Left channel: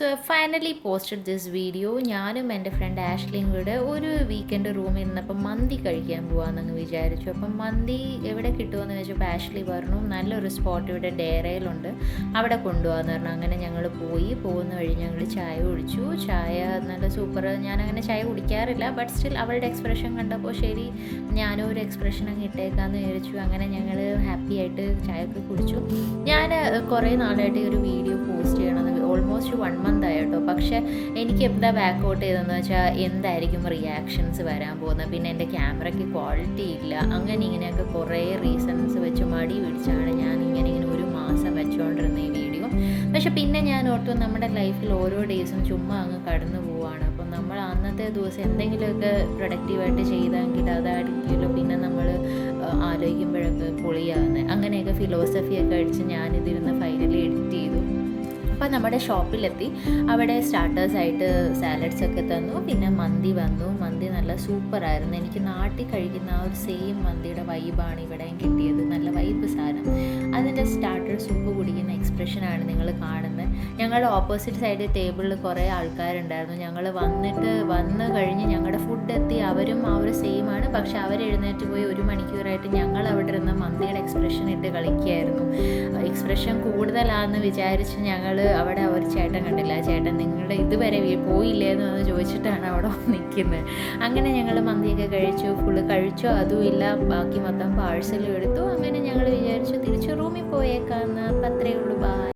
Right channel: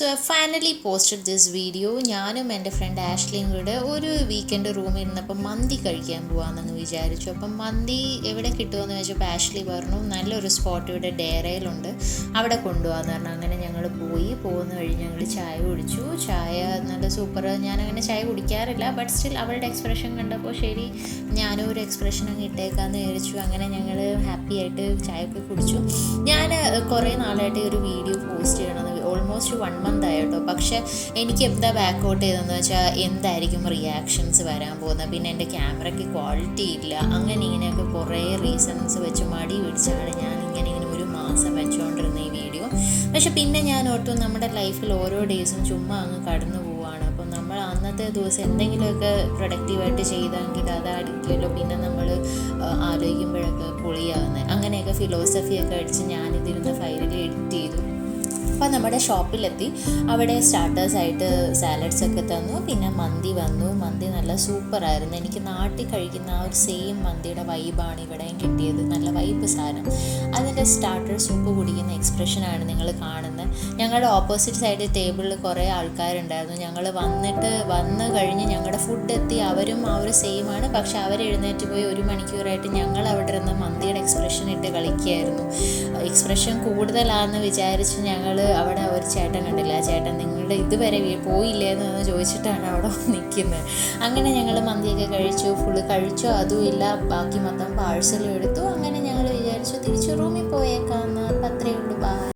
So finally posted this video. ഞാനും എൻ്റെ front ആഷ്ലിയും കൂടെ ഒരു വീക്കെൻഡ് റൂമിൽ ഇരുന്നപ്പോൾ മന്തി കഴിക്കാൻ പോകാമെന്ന് വിചാരിച്ചു. അപ്പം മന്തി എവിടെ കിട്ടുമെന്ന് വെച്ചപ്പോൾ ആഷ്ലി പറഞ്ഞു നല്ലൊരു സ്പോട്ട് ഇവിടെ ഡേറയിലുണ്ട്, അവിടെ കൊണ്ടുപോകാമെന്ന് പറഞ്ഞു. അങ്ങനെ ഞങ്ങൾ പോകുന്ന വഴി ഞങ്ങൾ ചായ കുടിച്ചു. ചായ നല്ല സൂപ്പർ. ഞാനങ്ങനെ ചായ കുടിക്കാറില്ല, ബട്ട് സ്റ്റിൽ അവളുടെ എക്സ്പ്രഷൻ കണ്ടപ്പോൾ ശരി ഞാനും ഒരു എക്സ്പ്രഷൻ അങ്ങ് ഇട്ടേക്കാമെന്ന് വിചാരിച്ചു. അങ്ങനെ ഞങ്ങൾ ഹാപ്പി ആയിട്ട് ചായയൊക്കെ കുടിച്ചു. ഞാൻ കുറേ നാളായിട്ട് ഒരു വീഡിയോ പോസ്റ്റ് ചെയ്യണമെന്ന് ഓൾമോസ്റ്റ് 1 month ആയിട്ടോ. പക്ഷേ എനിക്ക് എന്താ ബാക്കൗട്ട് ചെയ്തതെന്ന് വെച്ചാൽ എന്തായിരിക്കും റിയാക്ഷൻസ് വരാൻ പോകുന്നത്, പിന്നെ എൻ്റെ ക്യാമറയ്ക്ക് ക്വാളിറ്റി ഇല്ല, അങ്ങനെ ഇങ്ങനെയൊക്കെ കുറേ റീസൺസ് വെച്ച് മടി പിടിച്ചാണ് ഞാൻ ഇങ്ങനെ 1 മാസം വെച്ചുകൊണ്ടിരുന്ന ഈ വീഡിയോ. പക്ഷെ പിന്നെ ഞാൻ ഓർത്തു നമ്മുടെ ലൈഫിൽ ഓരോ ഡേയ്സും ചുമ്മാ അങ്ങ് കടന്നു പോവുകയാണ്. അപ്പം നമ്മൾ അന്നത്തെ ദിവസം എന്തെങ്കിലുമൊക്കെ പ്രൊഡക്റ്റീവായിട്ട് ചെയ്തെങ്കിൽ അതായിരിക്കുമല്ലോ പിന്നെ നമ്മൾ ആലോചിക്കുമ്പോഴൊക്കെ പൊളിയാകുന്നത്. അങ്ങനെയൊക്കെ ഫിലോസഫിയൊക്കെ അടിച്ച് ഞാനിതിരുന്ന് ഫൈനലി എഡിറ്റ് ചെയ്തു. അപ്പം നമ്മുടെ ഷോപ്പിലെത്തി. അവിടെ സ്റ്റാർട്ടേഴ്സായിട്ട് സാലഡ്സൊക്കെ തന്നു, പിന്നെ മന്തി വന്നു. മന്തി നല്ല സൂപ്പറായിരുന്നു. എനിക്ക് നാട്ടിൽ കഴിക്കുന്ന ആ ഒരു സെയിം മന്തിയുടെ വൈബാണ് ഇവിടെയും കിട്ടിയത്. നല്ല വൈബ് സാധനം. അതിൻ്റെ സ്റ്റാർട്ടർ സൂപ്പ് കുടിക്കുന്ന എക്സ്പ്രഷനാണ് നിങ്ങൾ കാണുന്നത്. ഞങ്ങളുടെ ഓപ്പോസിറ്റ് സൈഡ് ടേബിളിൽ കുറേ ആൾക്കാരുണ്ടായിരുന്നു. ഞങ്ങൾ വന്ന് കഴിഞ്ഞ് ഞങ്ങളുടെ ഫുഡ് എത്തി. അവരും ആ ഒരു സെയിമാണ്. പക്ഷെ അവരെഴുന്നേറ്റ് പോയി 1 മണിക്കൂറായിട്ട് ഞങ്ങൾ അവിടെ ഇരുന്ന് മന്തിയുടെ എക്സ്പ്രഷൻ ഇട്ട് കളിക്കുകയായിരുന്നു. എക്സ്പ്രഷൻ കൂടുതലാണെന്ന് വിചാരിച്ച് ഞങ്ങൾ അവിടെ ഒരു ചേട്ടൻ കണ്ടില്ല. ആ ചേട്ടൻ നിങ്ങളുടെ ഇതുവരെ പോയില്ലേന്ന് ചോദിച്ചിട്ടാണ് അവിടെ നിൽക്കുന്നത്. അങ്ങനെ ഞങ്ങൾ മന്തിയൊക്കെ ഫുള്ള് കഴിച്ചോ അതും ഇല്ല, ബാക്കി മൊത്തം പാഴ്സലും എടുത്തു. അങ്ങനെ ഞങ്ങൾ വിചാരിച്ചു തിരിച്ചു റൂമിൽ പോയേക്കാമെന്ന്. അപ്പം അത്രയേ ഉള്ളൂ.